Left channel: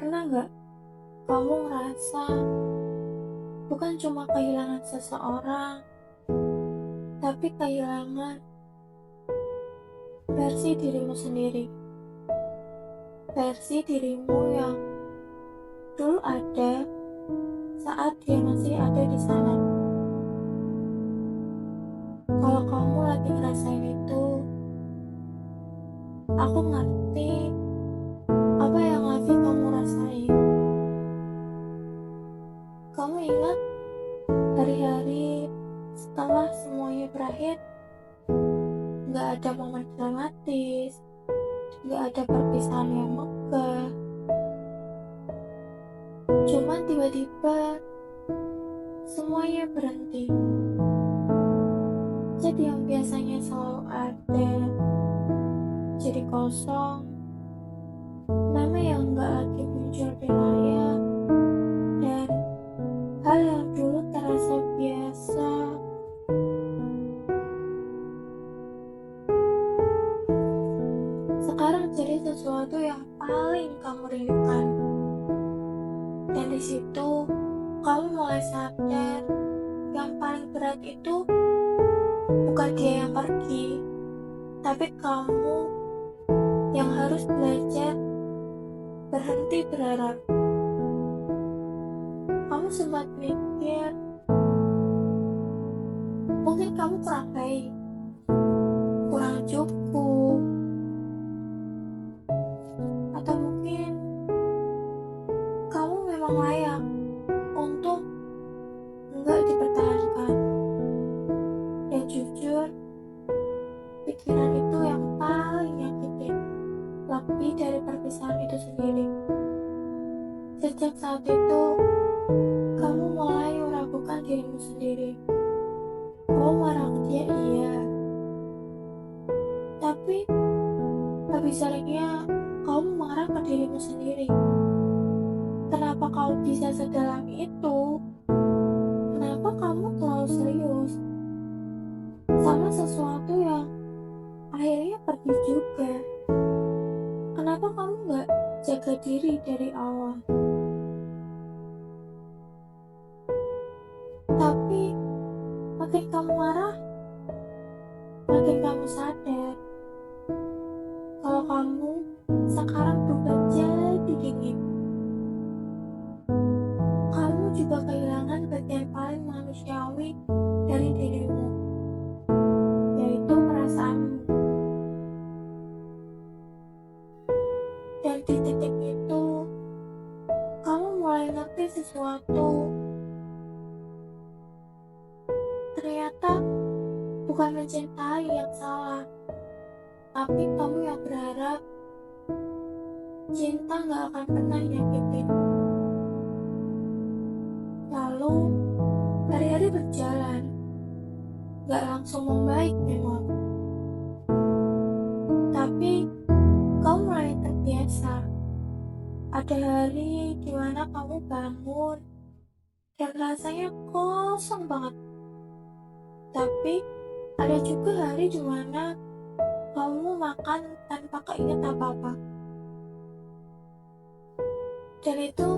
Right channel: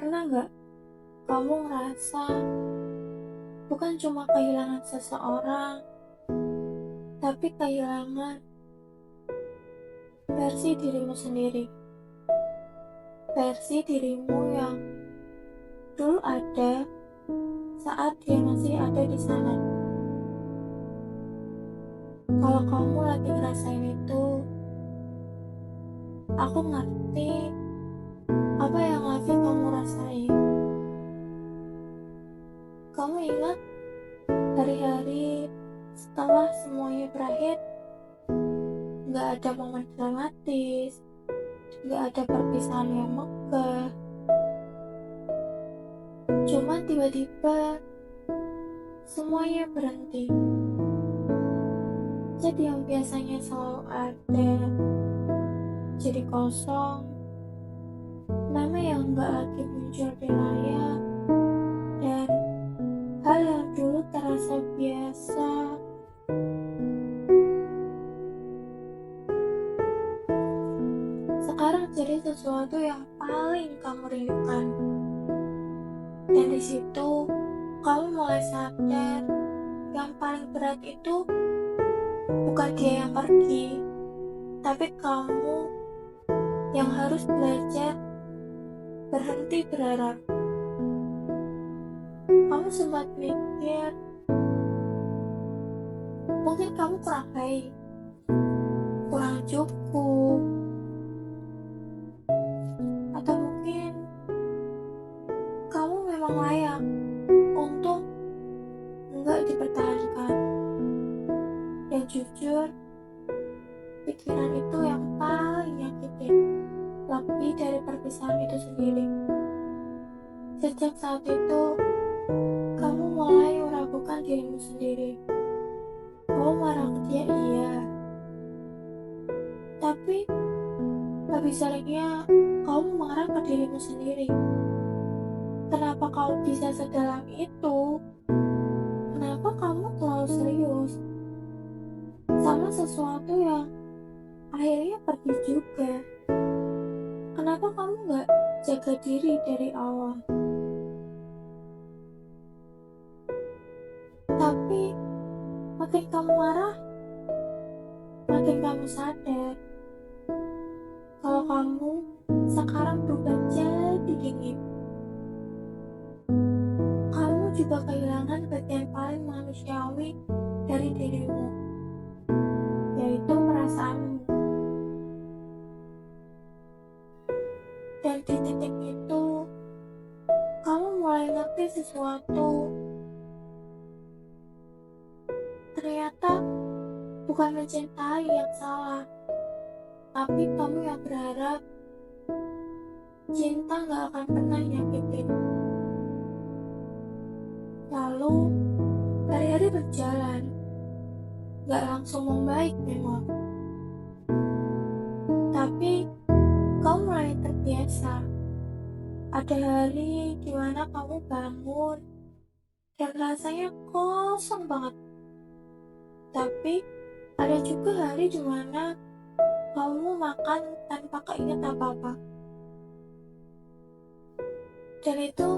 Pernah nggak kamu ngerasa bukan cuma kehilangan seseorang, tapi kehilangan versi dirimu sendiri? Versi dirimu yang dulu ada saat dia masih ada di sana. Kalau kamu lagi ngerasain itu, aku ngerti apa yang lagi kamu rasain. Kamu ingat hari-hari setelah semuanya berakhir, nggak ada momen dramatis, nggak ada perpisahan yang megah. Cuman tiba-tiba semuanya berhenti. Jadi yang biasanya selalu ada jadi kosong, nama yang nggak lagi muncul di layar, dan hal yang dulu terasa biasa sekarang jadi sesuatu yang paling kamu rindukan. Dan di situ kamu mulai sadar yang paling berat itu bukan dia yang pergi, tapi kamu yang harus belajar berhenti berharap. Kamu sempat mikir mungkin kamu kurang baik, kurang cukup, atau mungkin kamu memang layak untuk enggak dipertahankan. Dan jujur, pikiran itu yang paling nyakitin, lebih dari perpisahan itu sendiri. Sejak saat itu, kamu mulai meragukan dirimu sendiri. Kamu marah ke dia, iya, tapi lebih seringnya kamu marah ke dirimu sendiri. Kenapa kau bisa sedalam itu? Kenapa kamu terlalu serius sama sesuatu yang akhirnya pergi juga? Kenapa kamu gak jaga diri dari awal? Tapi makin kamu marah, makin kamu sadar kalau kamu sekarang berubah jadi dingin. Kamu juga kehilangan bagian paling manusiawi dari dirimu, yaitu perasaanmu. Dan di titik itu, kamu mulai ngerti sesuatu. Ternyata bukan mencintai yang salah, tapi kamu yang berharap cinta gak akan pernah nyakitin. Lalu, hari-hari berjalan, gak langsung membaik memang. Tapi, kamu mulai terbiasa. Ada hari dimana kamu bangun, dan rasanya kosong banget. Tapi, ada juga hari dimana kamu makan tanpa keinget apa-apa. Dan itu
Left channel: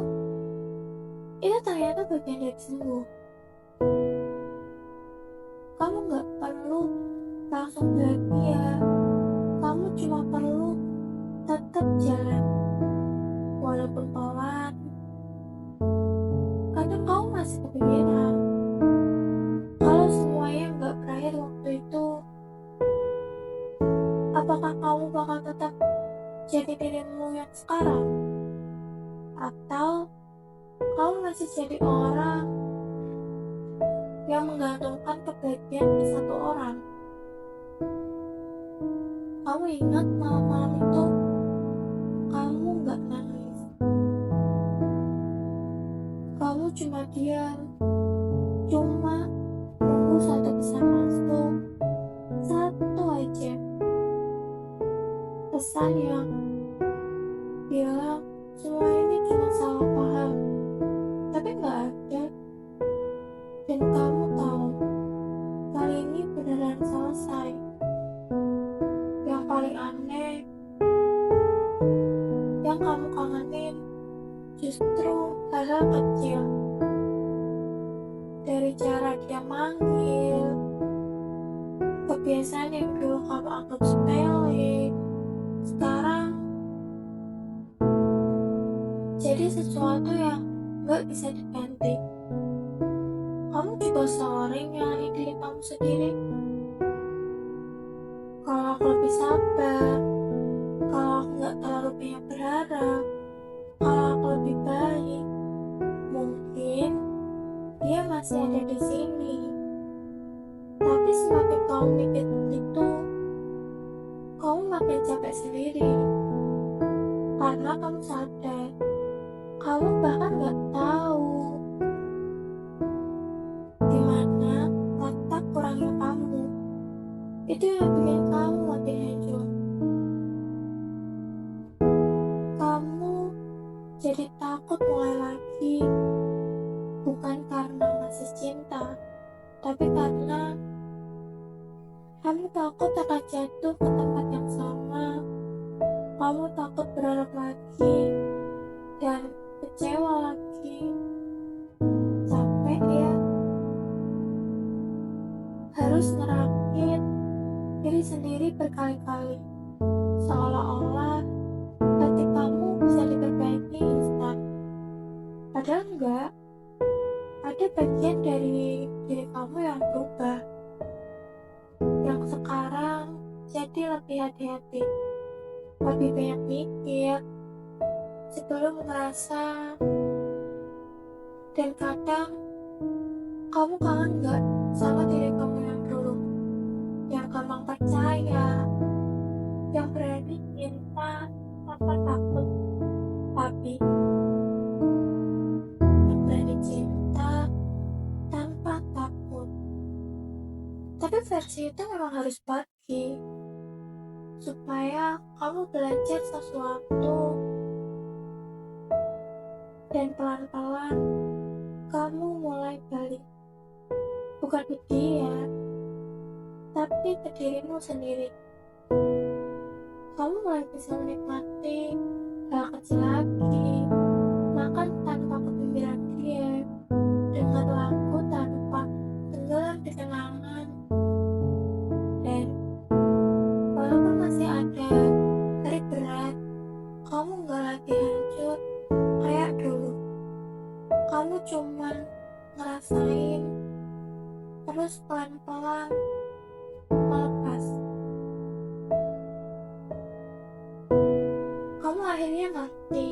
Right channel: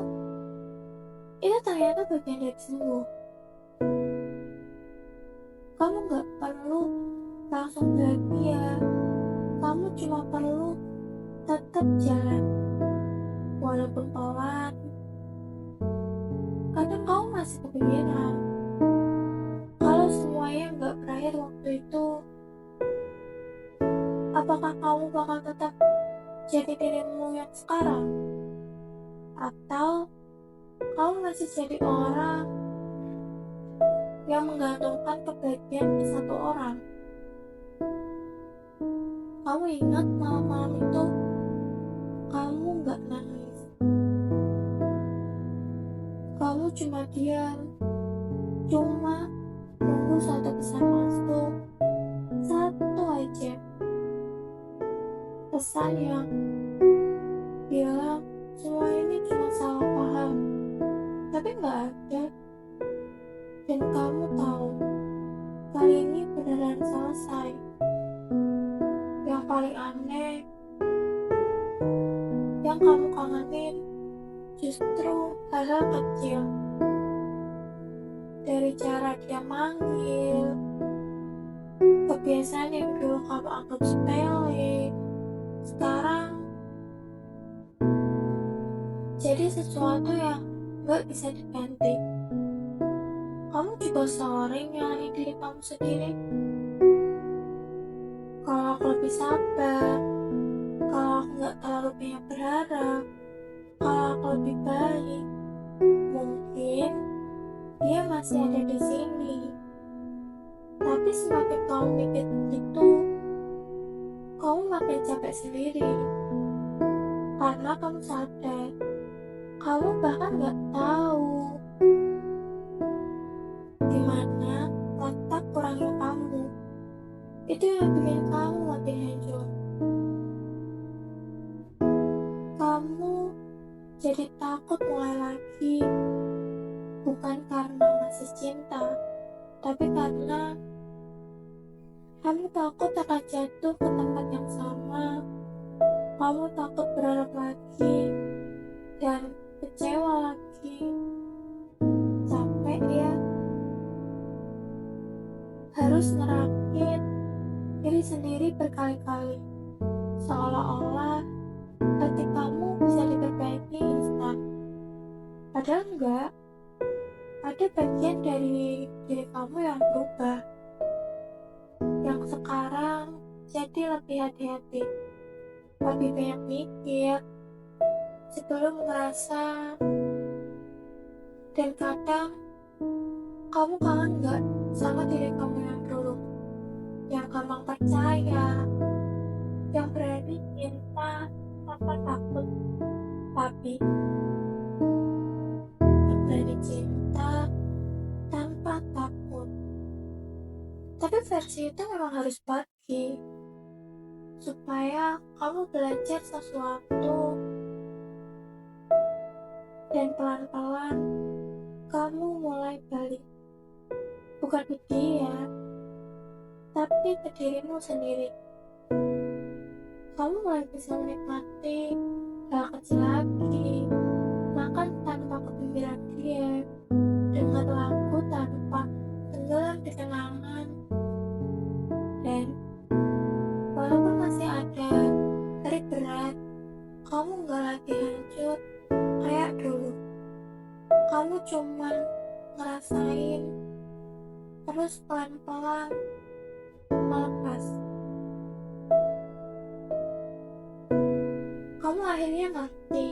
ternyata bagian dari sembuh. Kamu gak perlu langsung bahagia. Kamu cuma perlu tetap jalan, walaupun pelan. Kadang kamu masih kepikiran kalau semuanya gak berakhir waktu itu, apakah kamu bakal tetap jadi dirimu yang sekarang? Atau kamu masih jadi orang yang menggantungkan kebahagiaan di satu orang? Kamu ingat malam-malam itu kamu gak nangis, kamu cuma diam, cuma nunggu satu pesan masuk, satu aja pesan yang bilang semua ini cuma salah paham, tapi gak ada. Dan kamu tahu kali ini beneran selesai. Yang paling aneh, yang kamu kangenin Justru hal-hal kecil, dari cara dia manggil, kebiasaan yang dulu kamu anggap sepele, sekarang jadi sesuatu yang gak bisa diganti. Kamu juga sering nyalahin diri kamu sendiri. Kalau aku lebih sabar, kalau aku gak terlalu banyak berharap, kalau aku lebih baik, mungkin dia masih ada di sini. Tapi semakin kamu mikir begitu, kamu makin capek sendiri. Karena kamu sadar, kamu bahkan gak tahu di mana letak kurangnya kamu. Itu yang bikin kamu makin hancur. Kamu jadi takut mulai lagi, bukan karena masih cinta, tapi karena kamu takut akan jatuh ke tempat yang sama. Kamu takut berharap lagi dan kecewa lagi. Capek ya, harus ngerakit diri sendiri berkali-kali, seolah-olah hati kamu bisa diperbaiki instan. Padahal enggak, ada bagian dari diri kamu yang berubah, yang sekarang jadi lebih hati-hati, lebih banyak mikir sebelum merasa. Dan kadang kamu kangen enggak sama diri kamu yang dulu, yang gampang percaya, yang berani cinta tanpa takut, tapi yang berani cinta tanpa takut. Tapi versi itu memang harus pergi, supaya kamu belajar sesuatu dan pelan-pelan kamu mulai balik. Bukan ke dia, tapi ke dirimu sendiri. Kamu mulai bisa menikmati hal kecil lagi, makan tanpa kepikiran dia, dengar lagu tanpa tenggelam di kenangan. Dan walaupun masih ada hari berat, kamu gak lagi hancur kayak dulu. Kamu cuman ngerasain, terus pelan-pelan melepas. Kamu akhirnya ngerti,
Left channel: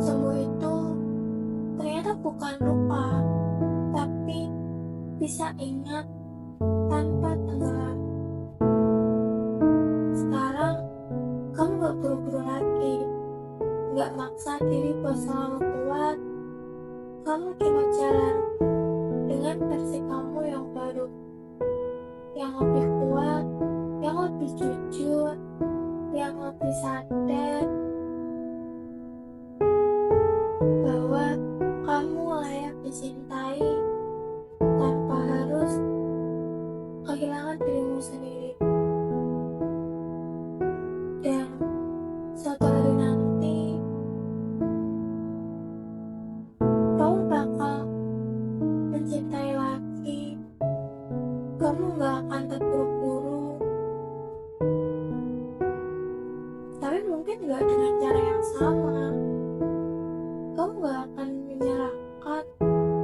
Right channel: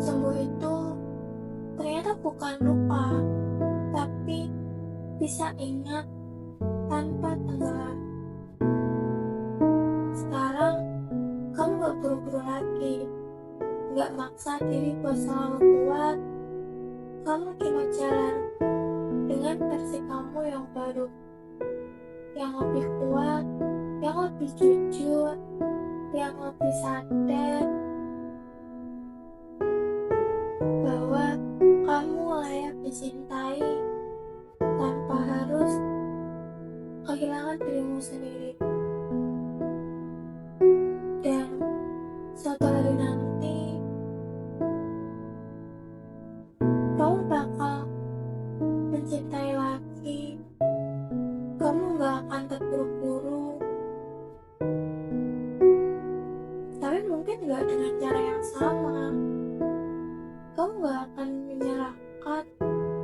sembuh itu ternyata bukan lupa, tapi bisa ingat tanpa tenggelam. Sekarang kamu gak buru-buru lagi, gak maksa diri buat selalu kuat. Kamu cuma jalan dengan versi kamu yang baru, yang lebih kuat, yang lebih jujur, yang lebih sadar bahwa kamu layak dicintai tanpa harus kehilangan dirimu sendiri. Dan suatu hari nanti kamu bakal mencintai lagi. Kamu gak akan terburu-buru, tapi mungkin gak dengan cara yang sama. Kamu gak akan menyerahkan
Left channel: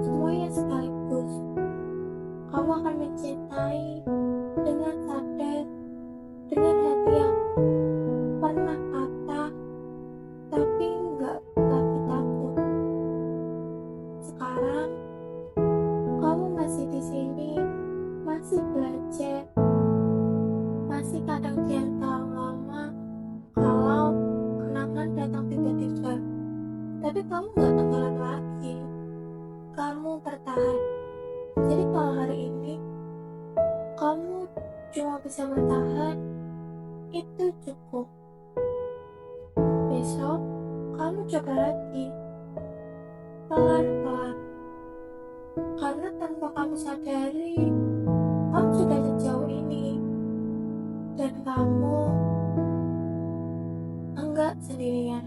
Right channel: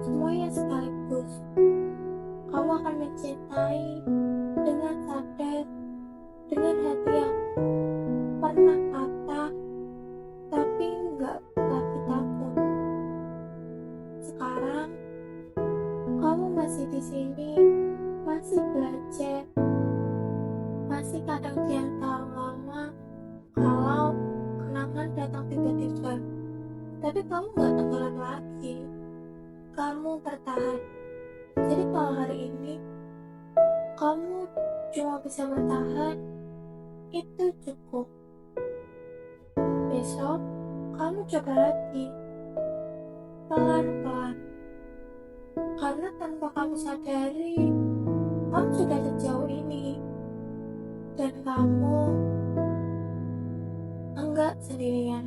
semuanya sekaligus. Kamu akan mencintai dengan sadar, dengan hati yang pernah patah tapi gak lagi takut. Sekarang kamu masih di sini, masih belajar, masih kadang diam tahu lama kalau kenangan datang tiba-tiba. Tapi kamu gak tenggelam lagi, kamu bertahan. Jadi kalau hari ini kamu cuma bisa bertahan, itu cukup. Besok kamu coba lagi, pelan-pelan. Karena tanpa kamu sadari, kamu sudah sejauh ini. Dan kamu enggak nggak sendirian.